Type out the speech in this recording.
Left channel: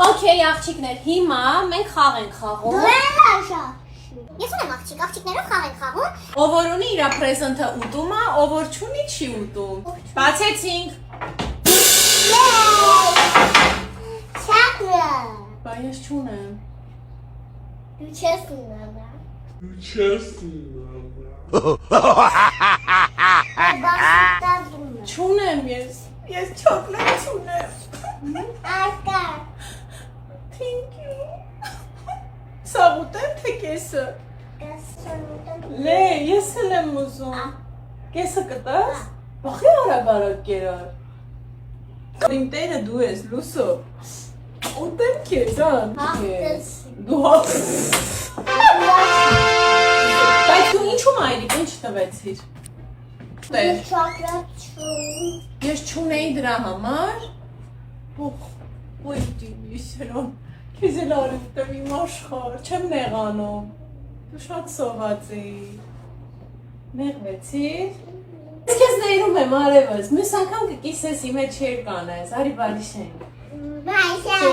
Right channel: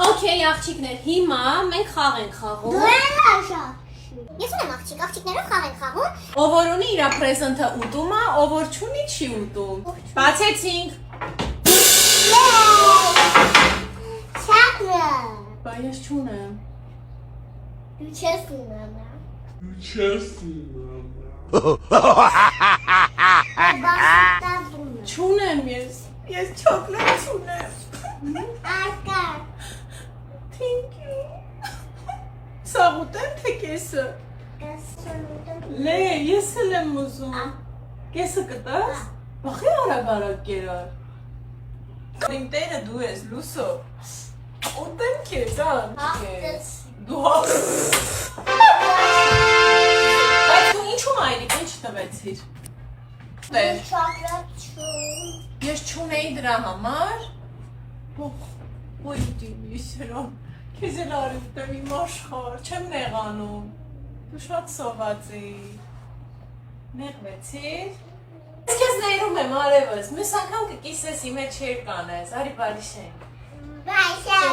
Okay, աղջիկներ, հիմա մենք խաղ ենք խաղում։ Դու ես աշա։ Ես ունեմ աղջիկներով խաղ ենք խաղում։ Ով որ ունի իր պրեզենտը ուտում է, ով որ չունի չի ուտում։ Բացեցինք։ Չակրը։ Բա ես չունեմ։ Դու չես ունենա։ Չունեմ ես չոկլետ չունեմ։ Արկա։ Thank you։ Սաղ ուտեմ թե կեսը։ Լե, ես էլ եմ ուզում։ Կեսը կտաս։ Բախի արագ կերար։ Իմ տերը դու ես, լուսո։ Ուտեմ քեզ, ան։ Դու Բայց դու ինչու մայրիկ, ինչ տվեցիր։ Տեր։ Չակրատ չունի։ Ես չունեի դրա համար։ Ոյ դիմի սրոն, քեզ էլ արի ուտեմ իմ աշխար, չեմ նեղանում, դու շատ սոված էի, նեղվեցիր, ես քեզ ներում եմ արևս, մյուս անգամ կկիսես իմ հետ չեր կանես, արի բարի շենք։